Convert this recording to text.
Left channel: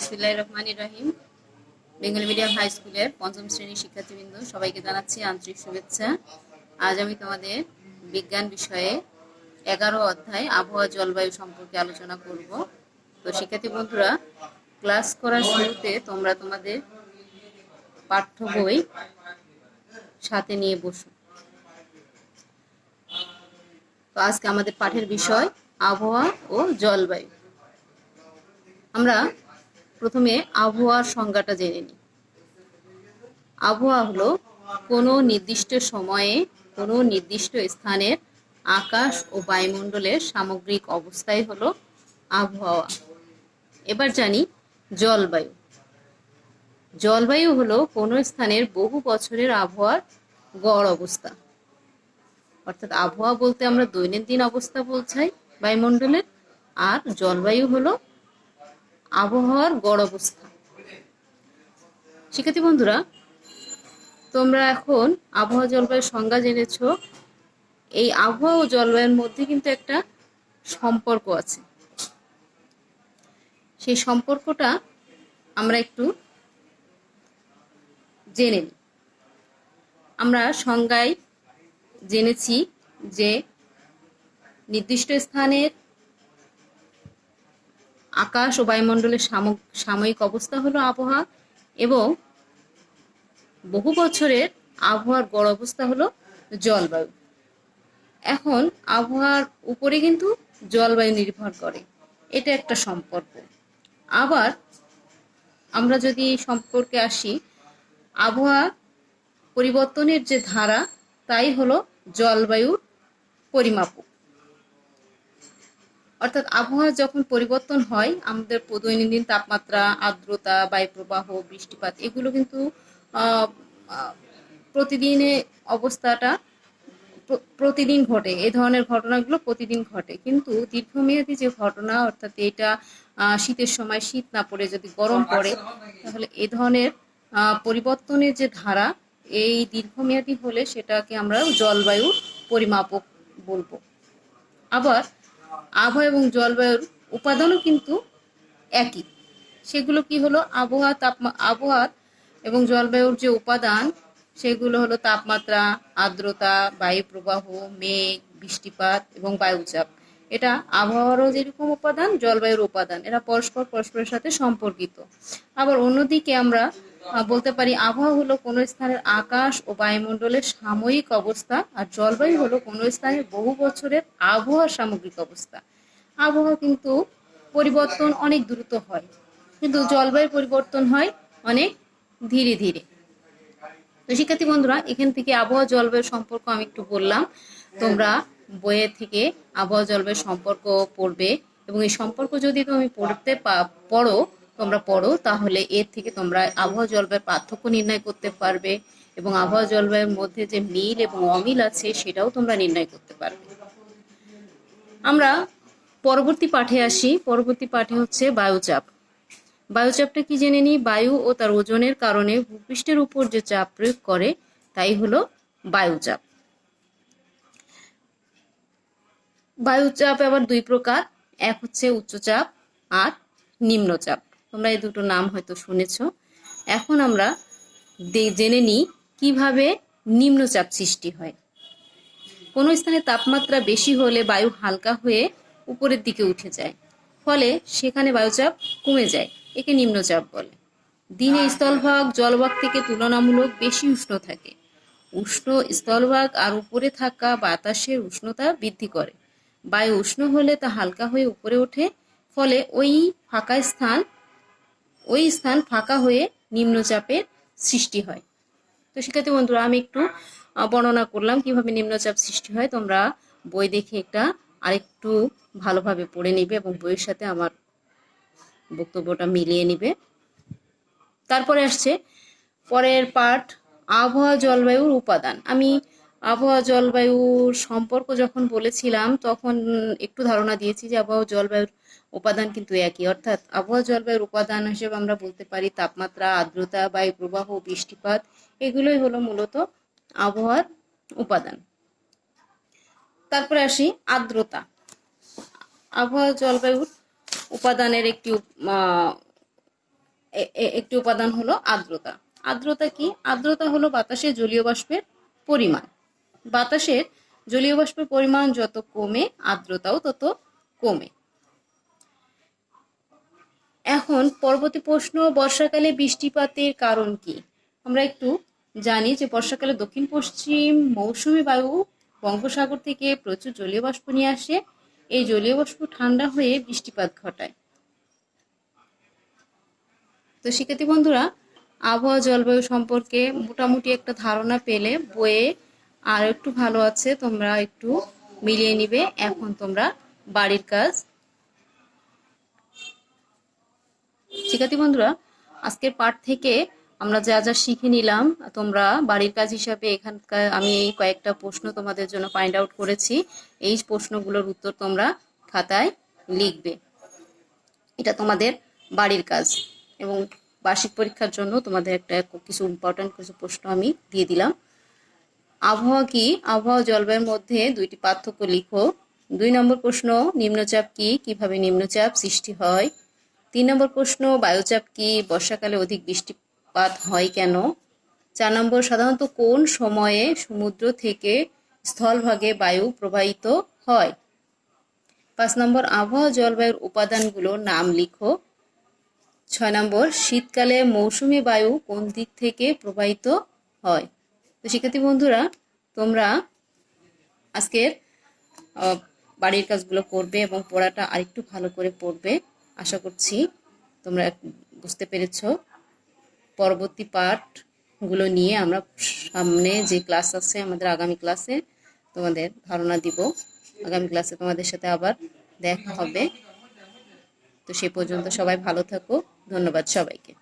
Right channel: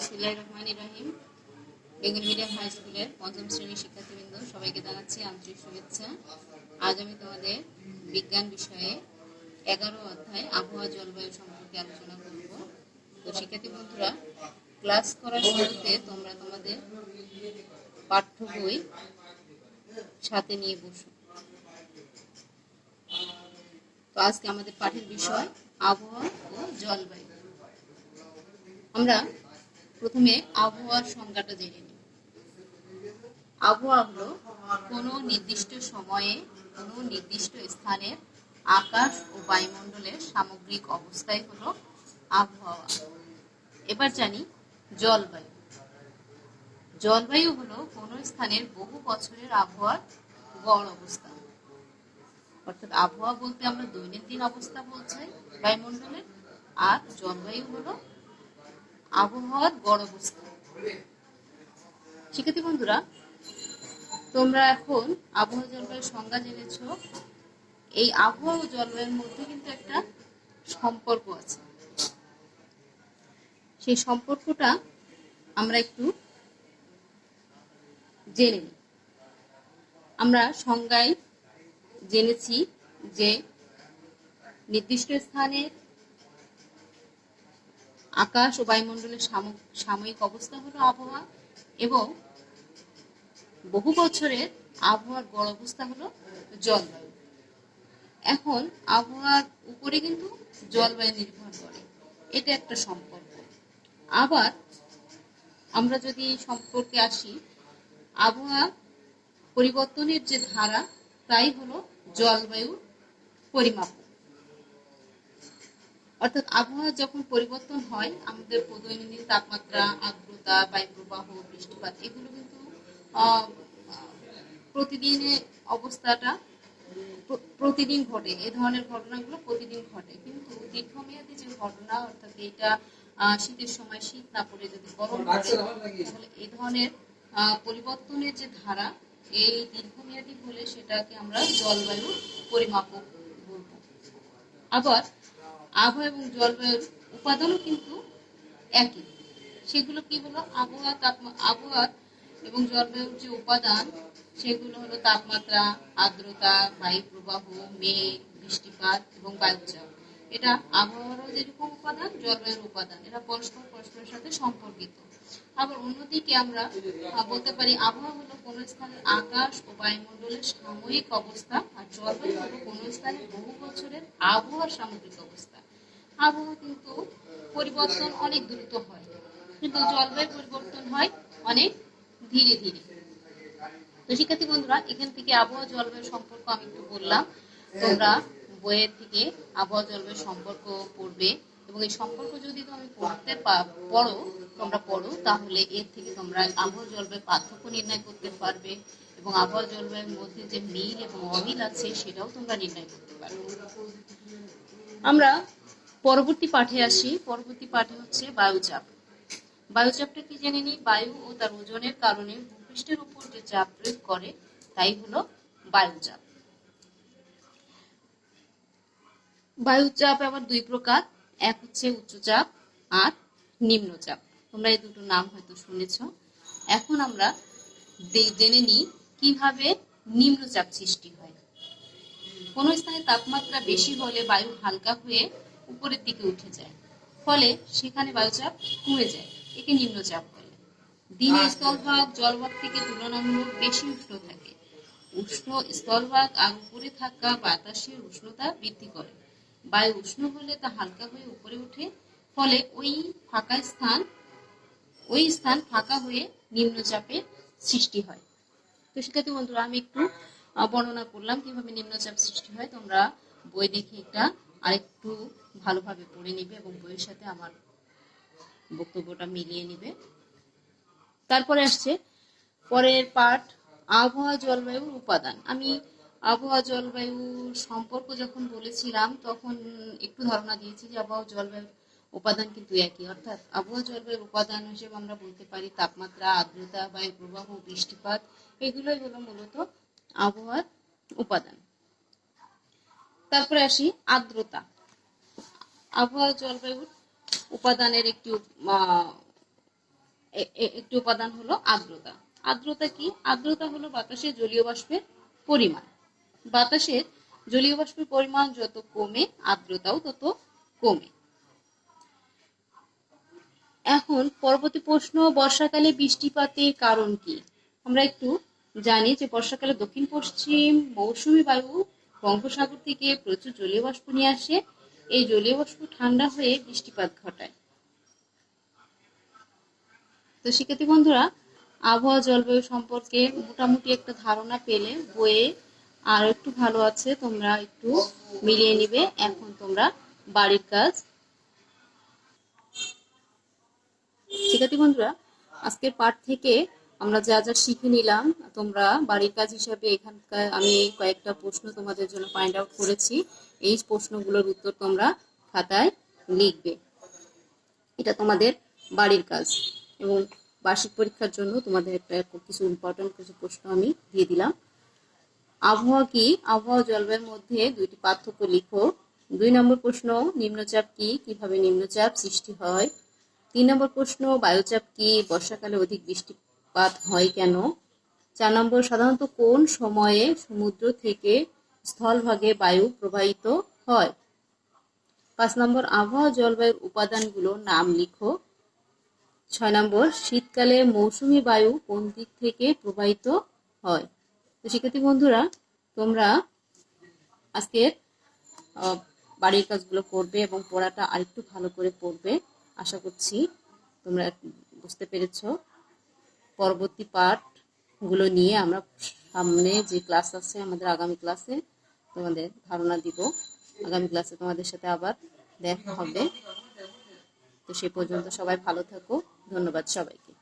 বিসমিল্লাহির রহমানির রহিম। Bengali medium high স্কুলের পঞ্চম শ্রেণীর শিক্ষার্থীবৃন্দ সবাইকে জানাচ্ছি আন্তরিক শুভেচ্ছা। আজ আমি তোমাদের বিজ্ঞান বিষয়ে 11 অধ্যায় আবহাওয়া জলবায়ু সম্পর্কে আলোচনা করব। তো শিক্ষার্থী বন্ধুরা, ক্লাস করার শুরুতে তোমরা তোমাদের পাঠ্য বই সাথে নিয়ে বসো। তো আজকে আমাদের পাঠের বিষয় আবহাওয়া ও জলবায়ু। আমরা প্রথমে আবহাওয়ার সংজ্ঞাটা জেনে নিই। আবহাওয়া হলো কোনো নির্দিষ্ট সময়ে কোনো নির্দিষ্ট স্থানের আকাশ ও বায়ুমণ্ডলের সামগ্রিক অবস্থাই হলো আবহাওয়া। এবার জানি জলবায়ু। জলবায়ু হলো কোনো স্থানের বহু বছরের আবহাওয়ার গড় অবস্থা। অর্থাৎ আবহাওয়া বলতে আমরা দৈনন্দিন অবস্থা বোঝাই বায়ুমণ্ডলের, আর জলবায়ু হলো আবহাওয়ার গড় অবস্থা। শিক্ষার্থী বন্ধুরা, তোমরা এখন আবহাওয়া জলবায়ুর সংজ্ঞা জেনেছো। এই আবহাওয়া ও জলবায়ুর মধ্যে কিন্তু একটা সম্পর্ক আছে। সেই সম্পর্কটা আমরা একটু জেনে নিই। আমরা সংজ্ঞায় জেনেছি যে নির্দিষ্ট স্থানের আকাশ ও বায়ুমণ্ডলের সাময়িক অবস্থা হলো আবহাওয়া, এবং বহু বছরের আবহাওয়ার গড় অবস্থা হলো জলবায়ু। এখন আবহাওয়ার উপরে কিন্তু জলবায়ু নির্ভর করে, এটা একটা সম্পর্ক। আবার আমরা যদি এই সম্পর্কে আসি, আবহাওয়া পরিবর্তনের যে ধারা, তাই হলো জলবায়ুর পরিমাপক। অর্থাৎ আবহাওয়া যখন পরিবর্তন হয়, আমাদের দৈনন্দিন তাপমাত্রা, আর্দ্রতা, বায়ুপ্রবাহ, বৃষ্টিপাত এগুলো কিন্তু প্রতিদিনে অবস্থাটা প্রতিদিন ঘটে। এই ধরনের ঘটনাগুলো প্রতিদিন ঘটে, কিন্তু দীর্ঘমেয়াদী যে ঘটনা, অর্থাৎ এটা শীতের সময় শীত না পড়ে যদি গরম পড়ে, তাহলে এ ধরনের পরিবর্তনের যে ধারা, এই দীর্ঘমেয়াদী হলে সেটাকে আমরা জলবায়ুর পরিমাপক বলবো। আবার আবহাওয়া এবং জলবায়ুর উপাদানও কিন্তু একই। সেগুলো কি হলো? আবহাওয়া এবং জলবায়ুর যে উপাদান, সেগুলো হলো তাপমাত্রা, আর্দ্রতা, বায়ু প্রবাহ, মেঘ, বৃষ্টিপাত এবং বায়ুচাপ। এটা আবহাওয়ারও যেরকম উপাদান, জলবায়ুর উপাদান, এরা পরস্পরের সাথে সম্পর্কিত। আবার অন্যদিকে আমরা বলতে পারি আবহাওয়া হলো কোনো স্থানের আকাশ ও বায়ুমণ্ডলের সাময়িক অবস্থা, আর জলবায়ু হলো কোনো স্থানের বহু বছরের আবহাওয়ার সামগ্রিক অবস্থা। আবহাওয়া কিন্তু পরিবর্তন অনেক দ্রুত হয়, কিন্তু জলবায়ু পরিবর্তন হয় অনেক ধীরে ধীরে। তো শিক্ষার্থী বন্ধুরা, এখান থেকে আবহাওয়া জলবায়ুর সম্পর্ক আমি একটু বললাম। তোমরা বইয়ের থেকে আবহাওয়া জলবায়ুর সম্পর্ক পড়বে, এবং এই সম্পর্ক যদি তুমি পড়ো, তাহলে এর থেকে তোমরা আবহাওয়া জলবায়ুর পার্থক্য নির্ণয় করতে পারবে, এবং আবহাওয়া জলবায়ুর মধ্যে যে মিল এবং অমিল আছে সেটাও তোমরা নির্ণয় করতে পারবে। আমরা পরবর্তী পাঠে আসি। পরবর্তী পাঠে হচ্ছে বায়ুচাপ। বায়ুচাপটা কি জেনে নিই। বায়ু ও তার ওজনের কারণে ভূপৃষ্ঠের উপর যে চাপ প্রয়োগ করে, তাই হলো বায়ুচাপ। বায়ুচাপ আবার দুই প্রকার, এক হচ্ছে উচ্চচাপ আর নিম্নচাপ। তোমরা এই দুটো নাম হয়তো শুনেছ। এখন আমরা জেনে নিই কিভাবে নিম্নচাপ সৃষ্টি হয়। কোনো স্থানে তাপমাত্রা বেশি হলে বায়ু হালকা হয়ে উপরের দিকে উঠে যায়, ফলে সেখানে বায়ুচাপ কমে যায়, একে নিম্নচাপ বলে। দিনে স্থলভাগ জলভাগ থেকে তুলনামূলক বেশি উষ্ণ থাকে। উষ্ণ স্থলভাগ আর উপরে থাকা বাতাসের উষ্ণতা বৃদ্ধি করে। বায়ু উষ্ণ হলে তা হালকা হয়ে উপরে ওঠে, ফলে ওই স্থান ফাঁকা হয়ে নিম্নচাপের সৃষ্টি হয়। তো শিক্ষার্থী বন্ধুরা, আমি একটু বর্ণনা করলাম কিভাবে নিম্নচাপ সৃষ্টি হয়। তোমরা বই দেখে একটা আরেকটু ভালোভাবে পড়ে নিবে এবং বইয়ের সাথে আমার বক্তব্যটা মিলিয়ে নিবে। তারপরে আসছে পরের পাঠ, আবহাওয়া জলবায়ুর উপাদান। আমি আবহাওয়া জলবায়ুর সম্পর্ক যখন বলেছিলাম, তখন একটু ধারণা দিয়েছি যে আবহাওয়া জলবায়ুর উপাদান কিন্তু একই। অর্থাৎ আবহাওয়া জলবায়ুর উপাদান হিসেবে আমরা বলতে পারি তাপমাত্রা, আর্দ্রতা, বায়ু প্রবাহ, বৃষ্টিপাত, এগুলোই হলো মূলত আবহাওয়ার উপাদান। তারপরে আসি আর্দ্রতা। আবহাওয়া জলবায়ুর উপাদানের একটি একটি উপাদান হলো আর্দ্রতা। আর্দ্রতা কি? আর্দ্রতা হলো বাতাসে জলীয় বাষ্পের পরিমাণ। বাতাসের জলীয় বাষ্পের পরিমাণ যত কমে আর্দ্রতাও তত কমে। এখন পরবর্তী প্রশ্ন, বর্ষাকালে বৃষ্টিপাতের কারণ কি? আমরা একটু জানি যে বর্ষাকালে দক্ষিণ পশ্চিম মৌসুমী বায়ু বঙ্গোপসাগর থেকে প্রচুর জলীয় বাষ্প নিয়ে আসে। এই জলীয় বাষ্প ঠান্ডা হয়ে বৃষ্টিপাত ঘটায়। তো শিক্ষার্থী বন্ধুরা, আবহাওয়া জলবায়ু সম্পর্কে মোটামুটি একটা ধারণা পেলে বইয়ে আর একটু ভালো আছে, তোমরা একটু মিলিয়ে নিবে। এখন তোমরা বাড়ির কাজ। শিক্ষার্থী বন্ধুরা, আজকের পাঠ থেকে আমরা যা যা শিখে নিলাম, তোমরা বাড়ির কাজ হিসাবে এখানকার আমি কয়েকটা প্রশ্ন তোমাদের জন্য ফাইন্ড আউট করেছি। এই প্রশ্নগুলোর উত্তর তোমরা খাতায় লিখবে। এটা তোমাদের বাড়ির কাজ এবং বার্ষিক পরীক্ষার জন্য তোমাদের একটা কিছু ইম্পর্টেন্ট কিছু প্রশ্ন আমি দিয়ে দিলাম। আবহাওয়া কি? আবহাওয়া জলবায়ুর মধ্যে দুইটি পার্থক্য লিখো। 2 নম্বর প্রশ্ন, নিম্নচাপ কি? কিভাবে নিম্নচাপ সৃষ্টি হয়? 3 নম্বর প্রশ্ন, বায়ুচাপ কি? বর্ষাকালে অধিক বৃষ্টিপাত হয় কেন? 4 নম্বর, সাধারণত কোন সময়ে সমুদ্র থেকে স্থলভাগে বায়ু প্রবাহিত হয়? 5 নম্বর, আবহাওয়া জলবায়ুর উপাদানগুলোর নাম লিখো। 6 নম্বর, শীতকালে মৌসুমী বায়ু কোন দিক থেকে প্রবাহিত হয়? তো শিক্ষার্থী বন্ধুরা, তোমরা আজকের বাড়ির কাজগুলো করবে এবং পড়াটা আরেকটু ভালো করে পড়বে। আশা করছি তোমরা বুঝতে পেরেছো। পরবর্তী পাঠগুলো নিয়ে আমরা সামনে যে ক্লাস আছে আমাদের, আগামী ক্লাসে তোমাদের ধারণা দিব। আগামী ক্লাসে তোমাদের সাথে আবার দেখা হবে। তো সে পর্যন্ত সবাই ভালো থাকো। ধন্যবাদ সবাইকে।